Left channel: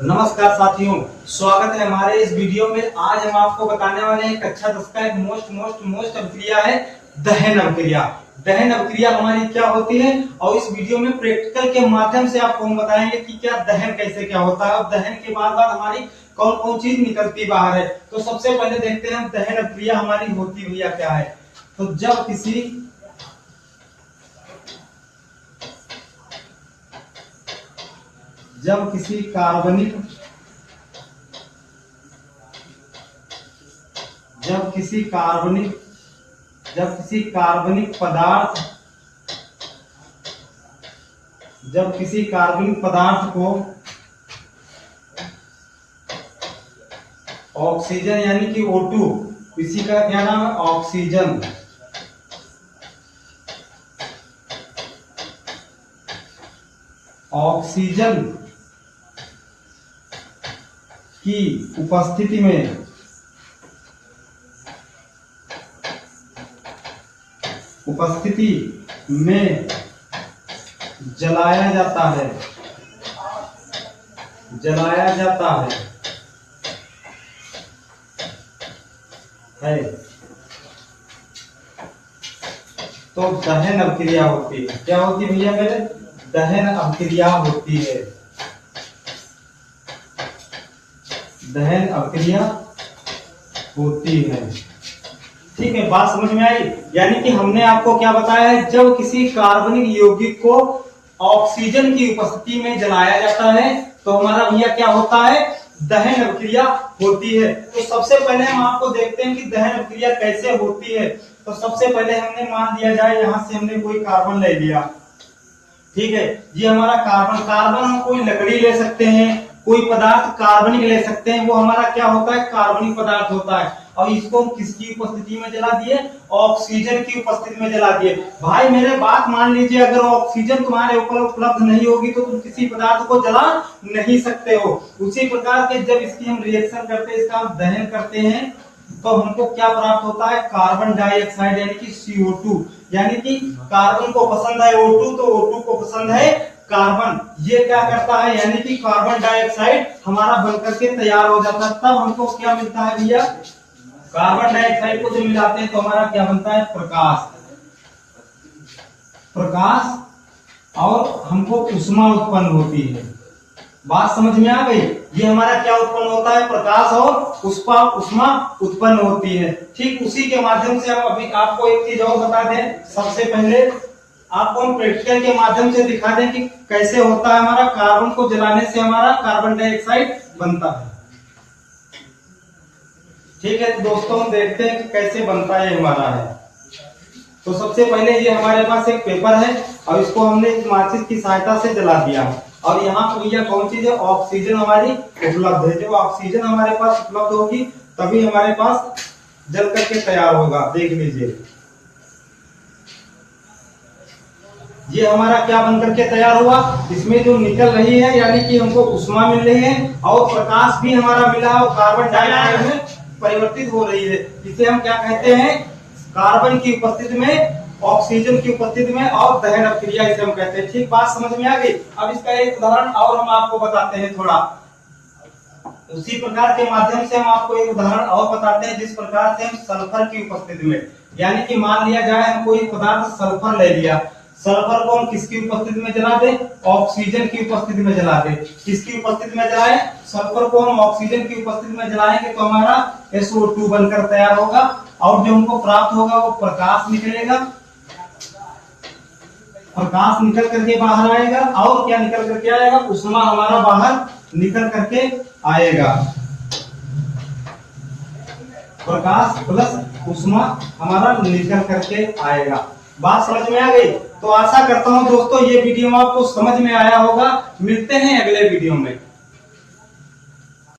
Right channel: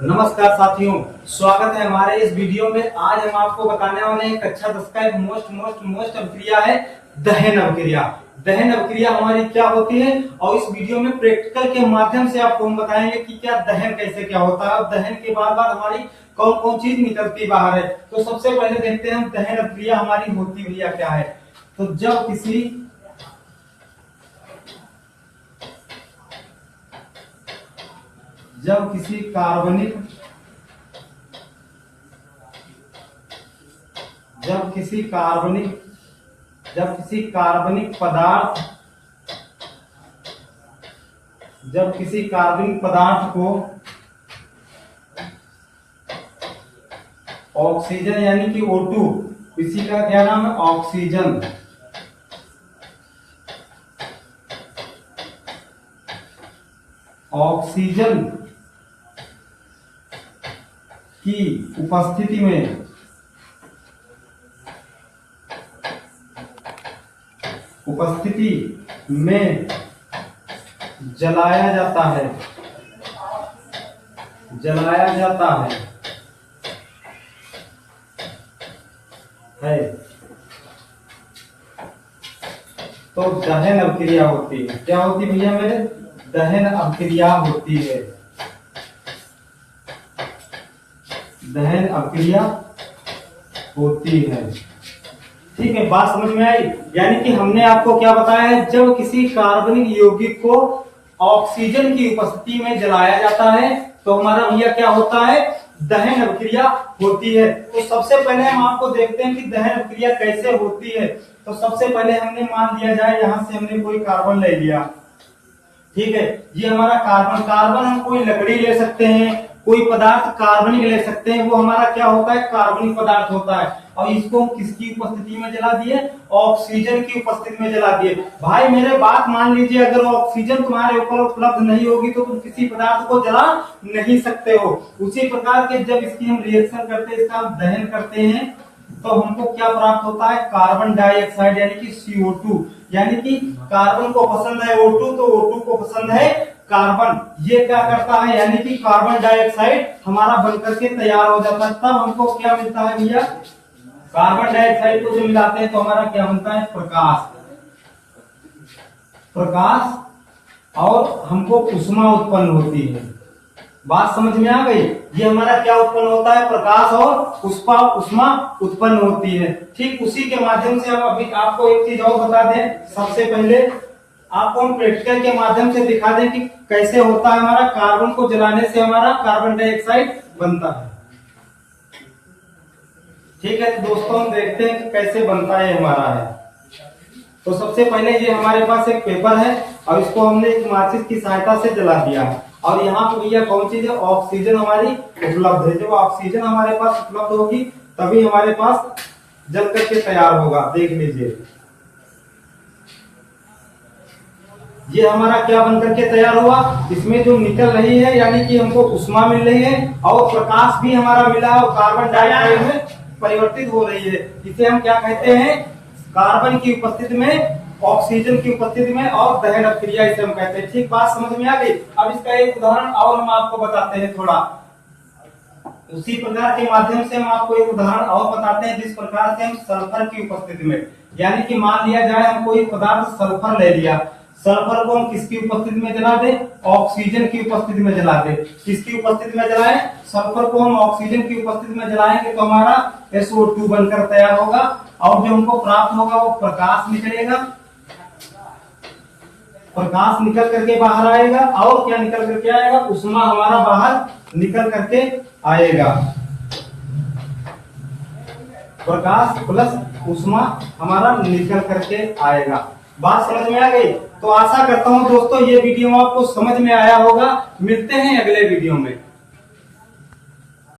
नमस्कार साथियों, स्वागत है हमारे इस वीडियो में। आज हम आपको बताने वाले हैं कक्षा 10 का एक मोस्ट अभिक्रिया है दहन अभिक्रिया। दहन अभिक्रिया हमारी क्या होती है और इस वीडियो में प्रैक्टिकल के माध्यम से आपको हम बताएंगे कि क्या दहन कैसे क्या होता है और दहन के बाद हमारी कौन कौन चीज निकलती बाहर है। तो सबसे पहले देखते हैं हम दहन अभिक्रिया हमारी होती हुई क्या है। तो जब किसी कार्बनिक पदार्थ को ऑक्सीजन यानी कि O2, इसी का क्या नाम है ऑक्सीजन, की उपस्थिति में जलाया जाता है तो दहन अभिक्रिया होती है। क्या होती है भैया मेरे? दहन अभिक्रिया होती है। दहन अभिक्रिया होती है। ठीक है, बात समझ में आई? यानी कि हमने आपको क्या बताया है, जब किसी कार्बनिक यौगिक को ऑक्सीजन की उपस्थिति में जलाया जाता है तो हमारा भैया क्या होता है, दहन अभिक्रिया होती है। तो सबसे पहले हम आपको देखते हैं कि दहन अभिक्रिया कैसे होती है। तो सबसे पहले हमने मान लिया जाए, यहां से हमने कोई कार्बन ले लिया, ठीक है, ये हमारा कार्बन हम कोई लकड़ी ले सकते हैं, कोई पदार्थ कार्बनिक ले सकते हैं, वो हमारा क्या होता है, कार्बनिक पदार्थ होता है। और इसको हम किसकी उपस्थिति में जला दिए, ऑक्सीजन की उपस्थिति में जला दिए। भाई मेरे बात मान लीजिए, अगर ऑक्सीजन तुम्हारे ऊपर उपलब्ध नहीं होगी तो तुम किसी पदार्थ को जला नहीं सकते हो। उसी प्रकार के जब इसकी हम रिएक्शन करते हैं, इसका हम दहन करते हैं तो हमको क्या प्राप्त होता है, कार्बन डाइऑक्साइड यानी कि CO2। यानी कि कार्बन को पसंद है O2 तो O2 को पसंद है कार्बन। ये क्या करता है, यानी कि कार्बन डाइऑक्साइड हमारा बनकर के तैयार हो जाता है। तब हमको क्या मिलता है भैया, कार्बन डाइऑक्साइड को जब मिलाते हैं तो हमारा क्या बनता है, प्रकाश, और हमको उष्मा उत्पन्न होती है। बात समझ में आ गई? ये हमारा क्या उत्पन्न होता है, प्रकाश और उष्मा उत्पन्न होती है। ठीक उसी के माध्यम से हम अभी आपको एक चीज और बता दें। सबसे पहले आपको हम प्रैक्टिकल के माध्यम से दिखा दें कि कैसे होता है हमारा, कार्बन को जलाने से हमारा कार्बन डाइऑक्साइड बनता है। ठीक है, तो दोस्तों हम देखते हैं कि कैसे बनता है हमारा है। तो सबसे पहले ये हमारे पास एक पेपर है और इसको हमने एक माचिस की सहायता से जला दिया और यहाँ पर यह कौन चीज है, ऑक्सीजन हमारी उपलब्ध है। जब ऑक्सीजन हमारे पास उपलब्ध होगी तभी हमारे पास जल करके तैयार होगा। देख लीजिए, ये हमारा क्या बन करके तैयार हुआ, इसमें जो निकल रही है यानी कि हमको उष्मा मिल रही है और प्रकाश भी हमारा मिला और कार्बन डाइऑक्साइड में परिवर्तित हो रही है। इसे हम क्या कहते हैं, कार्बन की उपस्थिति में, ऑक्सीजन की उपस्थिति में, और दहन अभिक्रिया इसे हम कहते हैं। ठीक, बात समझ में आ गई? अब इसका एक उदाहरण और हम आपको बताते हैं थोड़ा। उसी प्रकार के माध्यम से हम आपको एक उदाहरण और बताते हैं, जिस प्रकार से हम सल्फर की उपस्थिति में, यानी कि मान लिया जाए हम कोई पदार्थ सल्फर ले लिया, सल्फर को हम किसकी उपस्थिति में जला दे, ऑक्सीजन की उपस्थिति में जला दे। किसकी उपस्थिति में जलाएं, सल्फर को हम ऑक्सीजन की उपस्थिति में जलाएंगे तो हमारा SO2 बनकर तैयार होगा और जो हमको प्राप्त होगा वो प्रकाश निकलेगा, प्रकाश निकल करके बाहर आएगा। और क्या निकल करके आएगा, उष्मा हमारा बाहर निकल करके आएगा। प्रकाश प्लस उष्मा हमारा निकल करके आएगा। बात समझ में आ गई? तो आशा करता हूं दोस्तों ये वीडियो आपको समझ में आया होगा। मिलते हैं अगले वीडियो में।